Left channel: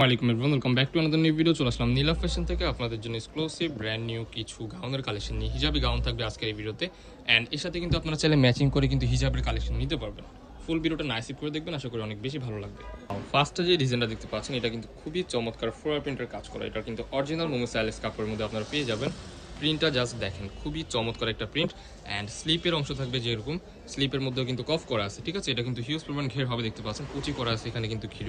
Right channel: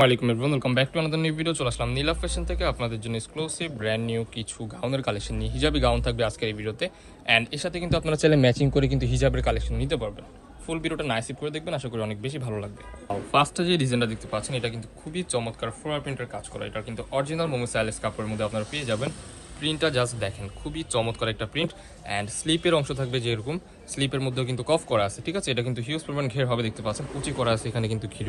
ওয়ালাইকুম everyone, welcome back to another new video. চলে আসলাম নীলা fashion থেকে আপনাদের জন্য এক্সক্লুসিভ ব্র্যান্ড নিউ কিছু গাউনের কালেকশন নিয়ে। হিজাবি গাউন থাকবে আজকের এই ভিডিওতে, অ্যান্ড এর সাথে কিন্তু আপনারা চাইলে ম্যাচিং করে কিন্তু হিজাবের কালেকশন নিতে পারবেন। ফুল ভিডিওটা নাইসিপ করে দেখবেন, আশা করি অনেক বেশি ভালো লাগবে। ফার্স্টে যে ডিজাইনটা দেখতে পাচ্ছেন, এটা কিন্তু খুবই চমৎকার ফ্লোরাল প্রিন্টের কাজ করা। এটা কিন্তু অরিজিনাল মোমো স্টাইলিশ কাপড়ের মধ্যে আপনারা পেয়ে যাবেন। প্রিন্টটা জাস্ট দেখেন, খুবই চমৎকার একটা প্রিন্ট, অ্যান্ড স্লিপের অংশ থাকবে যেরকম, স্লিপের মধ্যেও কিন্তু কফ করা আছে, ঠিক আছে। এটা কিন্তু হিউজ পরিমাণ ঘের হবে, দেখতে পাচ্ছেন কুচি করা আছে, এখানে কিন্তু ঘির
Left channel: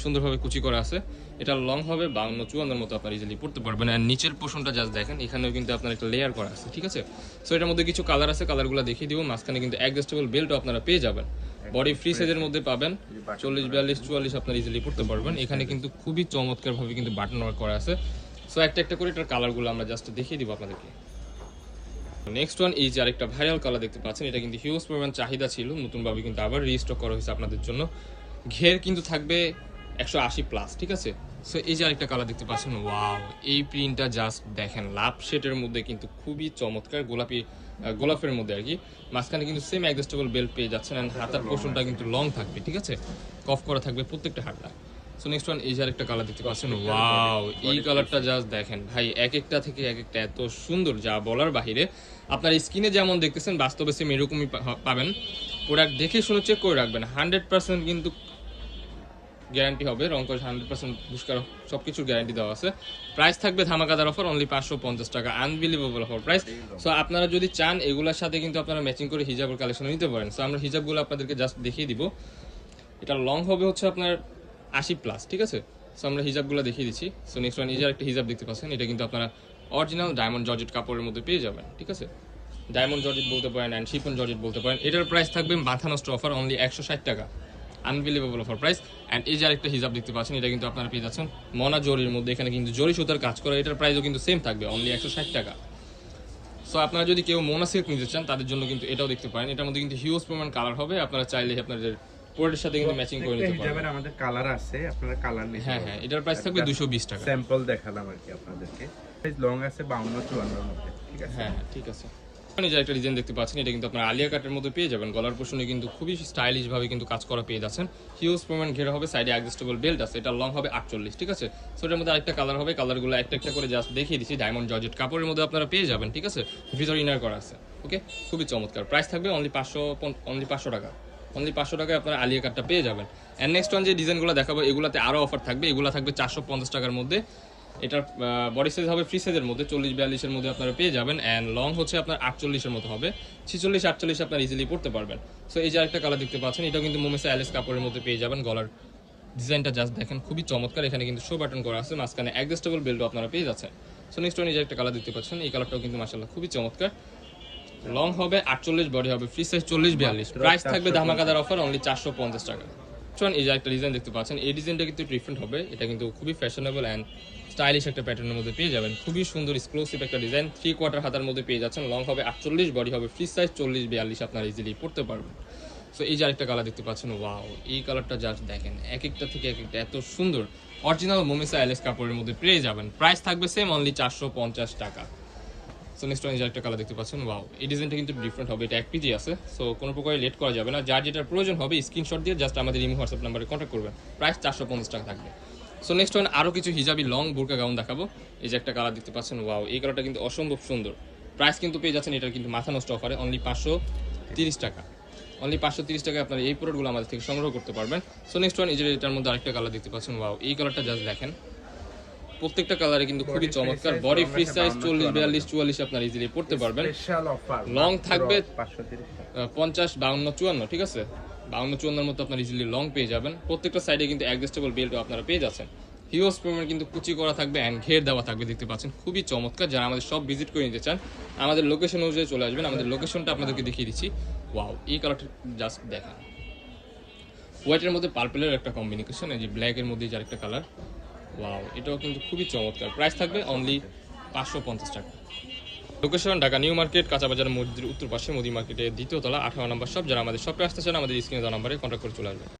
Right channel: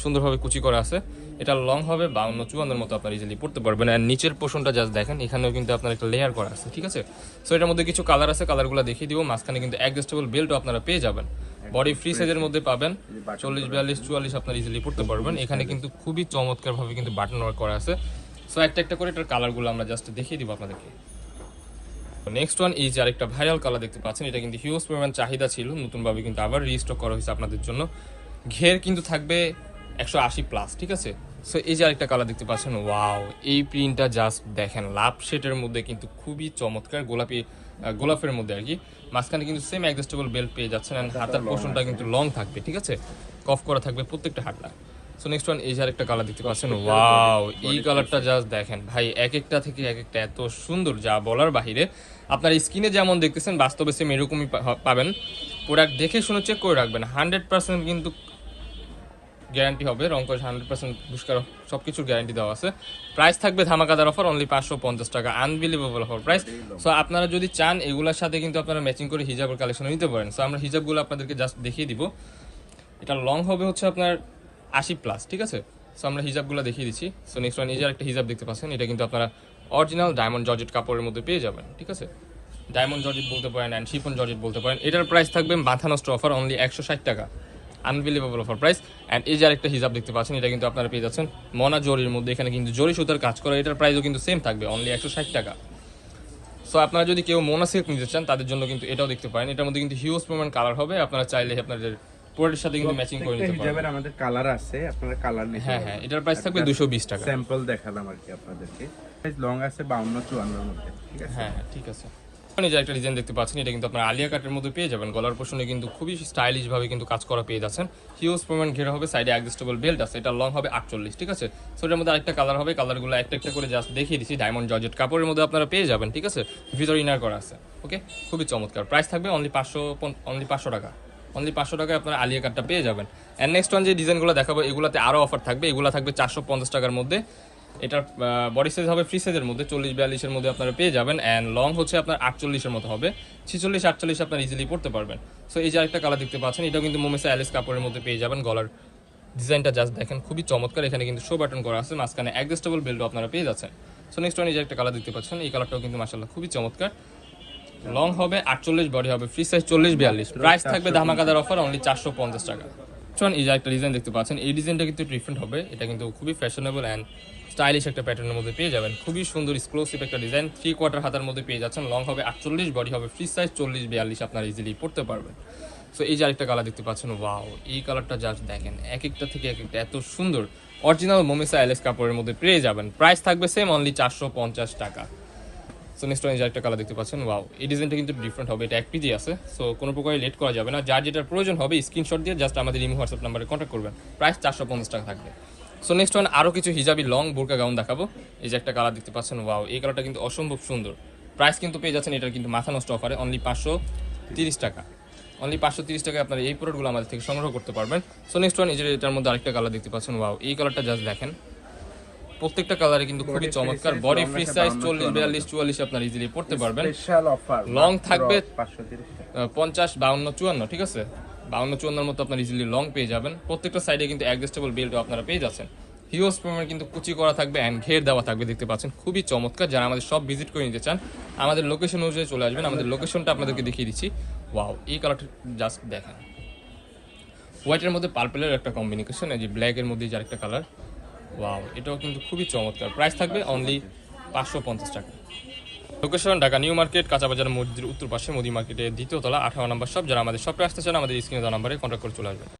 সুন্দরভাবে কুচি করা আছে। এটা লং হবে 52-54 মতো আপনার ইজিলি পড়তে পারবেন। আর নিচের পোর্শনটা জাস্ট দেখেন, এখানেও কিন্তু আপনার একটা লেয়ার করা আছে, ঠিক আছে। সো এটার মধ্যে কিছু কালার আছে, কালারগুলো দেখিয়ে দিব। মাঝখানে কিন্তু অ্যাডজাস্টেবল বেল্টও আপনারা পেয়ে যাবেন, বডি ফ্রি সাইজের মধ্যে পাবেন। 40, 42, 44 আপনার ইজিলি পড়তে পারবেন। এখানে কিন্তু খুবই চমৎকার ভাবে কিন্তু বাটন ওয়ার্ক করা আছে। সো একটা একটা করে এটার কালারগুলো আমরা জাস্ট দেখিয়ে দিব আপনাদেরকে। নেক্সট ওয়ান এই যে আরেকটা ভাইরাল কালার দেখতে পাচ্ছেন, এটা কিন্তু হিউজ পরিমাণ চাহিদা ছিল, নতুনভাবে কিন্তু আবার রিস্টক করা হয়েছে আপনাদের জন্য। ঘের কিন্তু থাকবে 180+, ঠিক আছে। সো এই যে আরেকটা কালার দেখতে পাচ্ছেন, ওয়াও, এই প্রিন্টটা জাস্ট দেখেন, লাভ শেডের মধ্যে কিন্তু খুবই চমৎকার, গোলাপের মধ্যে আর কি। মাঝখানে কিন্তু সেম অ্যাডজাস্টেবল বেল্ট পেয়ে যাচ্ছেন, এন্ড হাতার পোর্শনটা কিন্তু লং থাকবে, ঠিক আছে। কফ করা থাকবে প্রত্যেকটা হাতটা। সো নেক্সট ওয়ান এই যে আরেকটা কালার দেখতে পাচ্ছেন, ওয়াও, এই কালারটা জাস্ট দেখেন ভাই, এক একটা থেকে এক একটা এত সুন্দর যা বলার বাহিরে। আপনার স্কিনে যেমন দেখতেছেন বাস্তবে সেম এরকমই পাবেন। প্রোডাক্ট দেখে শুনে চেক করে রাখবেন, 100% কিন্তু গ্যারান্টি হবে, রং করে 100% পুরস্কার সবকিছুর গ্যারান্টি দেওয়া আছে। প্রাইস থাকবে ধামাকাদার অফার, অনলি 550 টাকা, আনবিলিভেবল অফার প্রাইস। সো আপনারা যদি চান এগুলোর সাথে কিন্তু আপনারা ম্যাচিং করে হিজাবের কালেকশন নিতে পারেন। সো আমরা হিজাবগুলো আপনাদেরকে জাস্ট দেখিয়ে দিব। এটা লং হবে হচ্ছে আপনার 80+, ঠিক আছে। সো আমরা হিজাবগুলো দেখিয়ে দিচ্ছি। সো নেক্সট ওয়ান নিজের একটা হিজাব দেখতে পাচ্ছেন, এটা কিন্তু আপনারা অরিজিনাল ডায়মন্ড জর্জেট কাপড়ের মধ্যে পেয়ে যাবেন, ঠিক আছে। ডায়মন্ড জর্জেট বলতে পারেন, অ্যান্ড শিফন জর্জেট বলতে পারেন। এটার প্রাইস থাকবে মাথা নষ্ট অফার, অনলি 160 টাকা, আনবিলিভেবল অফার প্রাইস। অ্যান্ড এই যে আরেকটা হিজাব দেখতে পাচ্ছেন, এটা কিন্তু আপনারা পেয়ে যাচ্ছেন মনা জরির মধ্যে, এখানে কিন্তু জরি সুতার কাজ করা। এটার প্রাইসও কিন্তু সেম থাকবে, অনলি 160 টাকা। সো আপনারা যদি কেউ মোনা সিল্ক নিতে চান তাদের জন্য কিন্তু এটাও দেখতে পারেন। এটার মধ্যে কিন্তু হিউজ পরিমাণ কালার হবে, আপনারা চাইলে আপনাদের পুরোটার সাথে কিন্তু ম্যাচিং করে নিতে পারবেন। আমাদের কালার আছে, আপনারা কালার নিতে হ্যাঁ হ্যাঁ, এটার প্রাইস থাকবে 220 টাকা। স্যাম্পল দেখালাম আর কি আপনাদেরকে। লং আছে 52-54 এর মধ্যে, ঠিক আছে। হ্যাঁ হ্যাঁ, ঠিক আছে। এই যে একটা ডিজাইন দেখতে পাচ্ছেন, এটা কিন্তু আপনার আলিয়া কাটের মধ্যে পেয়ে যাবেন। গলার পোর্শনে কিন্তু খুবই স্টাইলিশ ভাবে কিন্তু কাজ করা পেয়ে যাচ্ছেন। হিউজ পরিমাণ ঘেরা হবে, সাইডে অ্যাডজাস্টেবল বেল্ট আছে। এটা লং হবে 48, ঠিক আছে। সো এটার মধ্যে আরেকটা কালার হবে, কালারগুলো একটা একটা করে জাস্ট দেখিয়ে দিচ্ছি। ডায়মন্ড জর্জেট কাপড়ের মধ্যে আপনারা পেয়ে যাবেন, ঠিক আছে। ভিতরে ইনার করা আছে, ওকে, খুবই চমৎকার। প্রাইস থাকবে অনলি 500 টাকা, অনলি 500 টাকায় আপনারা আলিয়া কাটটা পেয়ে যাবেন। অ্যান্ড নেক্সট ওয়ান যে ডিজাইনগুলো দেখাবো, এগুলোতে আরও অফার থাকবে। এগুলো থাকবে 450 টাকার মধ্যে। এটার বডি সাইজ হবে ফ্রি সাইজের মধ্যে, 40-42 এর মধ্যে আপনারা পেয়ে যাবেন। অ্যান্ড লং হচ্ছে আপনার 48 এর মতো হবে, 46-48 আপনার ইজিলি পড়তে পারবেন। সো এই যে আরেকটা কালার দেখতে পাচ্ছেন, এটাও কিন্তু মোমেসা অ্যালিস কাপড়ের মধ্যে পেয়ে যাবেন। গলার ডিজাইনটা জাস্ট দেখেন, খুবই চমৎকার। এখানে কিন্তু শো বাটন করা আছে, মাঝখানে অ্যাডজাস্টেবল বেল্টও আপনারা পেয়ে যাচ্ছেন। সো নেক্সট ওয়ান এই যে একটা কালার দেখতে পাচ্ছেন, এই কালারটাও কিন্তু মাশাআল্লাহ খুবই চমৎকার। লং হবে 48, বডি হবে ফ্রি সাইজ 40-42। প্রাইস থাকবে ধামাকাদার অফার, অনলি 450 টাকা। এই যে একটা ডিজাইন দেখতে পাচ্ছেন, এই ডিজাইনটা কিন্তু ডিফারেন্ট হবে। এটা কিন্তু খুবই ফ্যাশনেবল অ্যান্ড স্টাইলিশ একটা প্যাটার্নের মধ্যে পেয়ে যাবেন। খুবই সুন্দর এক্সক্লুসিভ একটা ডিজাইন, 3/4 হাতার মধ্যে পেয়ে যাচ্ছেন। লং হবে 48, বডি হবে ফ্রি সাইজ 40-42 আপনারা ইজিলি পড়তে পারবেন। তো এই যে আরেকটা কালার দেখতে পাচ্ছেন, ওয়াও, এই কালারটা জাস্ট দেখেন, এক একটা থেকে এক একটা এত সুন্দর। অরিজিনাল মোমেসা অ্যালেক্স কাপড়ের মধ্যে পেয়ে যাবেন। প্রাইস থাকবে সেম, অনলি 450 টাকা। সো নেক্সট ওয়ান এই যে একটা কালার দেখতে পাচ্ছেন, ওয়াও, এই ডিজাইনটা কিন্তু ডিফারেন্ট হবে। এটা 1 পিজি আছে, সো কোনো প্রকারে লেট করা যাবে না। যার যেটার প্রয়োজন হবে স্ক্রিনশট দিয়ে জাস্ট আমাদের ইমো হোয়াটসঅ্যাপ নাম্বারে কন্ট্যাক্ট করবেন। প্রাইস 450 টাকা থাকবে। সো নেক্সট ওয়ান আরও কিছু হিজাবি লং বোরকা গাউন দেখাবো। এই যে একটা কালার দেখতে পাচ্ছেন, ওয়াও, এই কালারটা কিন্তু অসম্ভব সুন্দর। প্রাইস কিন্তু পেয়ে যাচ্ছেন, এটা কিন্তু মাথা নষ্ট অফারে, অনলি 530 টাকা, অনলি 530 টাকায় আপনারা এই প্রোডাক্টগুলো আমাদের থেকে সংগ্রহ করতে পারবেন। সো নেক্সট ওয়ান এই যে এটার মধ্যে আরেকটা কালার দেখতে পাচ্ছেন, ওয়াও, এই কালারটা জাস্ট দেখেন, প্রত্যেকটা কালারে কিন্তু খুবই চমৎকার। বডি ফ্রি সাইজ 40-42-44 আপনারা ইজিলি পড়তে পারবেন। স্পেশাল অফার, লং থাকবে 530 50-52-54, ঠিক আছে। 52-54 মতো আপনার ইজিলি লং পেয়ে যাবেন। প্রত্যেকটা সাইডে কিন্তু অ্যাডজাস্টেবল বেল্ট আপনারা পেয়ে যাচ্ছেন। হিউজ পরিমাণ কিন্তু কুচি করা থাকবে অ্যান্ড ঘের দেওয়া থাকবে, দেখতে পাচ্ছেন, খুবই চমৎকার। যারা আমাদের সব ভিজিট করে নিতে চান আমাদের লোকেশন অনুযায়ী চলে আসবেন। আমাদের লোকেশনটা আপনাদেরকে দেখিয়ে দিচ্ছি। ওয়াও, এই কালারটা জাস্ট দেখেন, হোয়াইটের মধ্যে পার্পলের একটা কম্বিনেশন, এই যে ব্ল্যাকের মধ্যে যে আরেকটা কালার, ওয়াও, এটাও কিন্তু খুবই চমৎকার। প্রাইস থাকবে অনলি 550 টাকা। লোকেশন ঢাকা নিউ মার্কেট, কাঁচাবাজার মসজিদের উত্তর পাশে, মুদি মার্কেটের দ্বিতীয় তলা, 18 নম্বর শপ। যারা আমাদের শপে আসতে চান আমাদের স্ক্রিনে দেওয়া নম্বরে কন্ট্যাক্ট করে চলে আসবেন।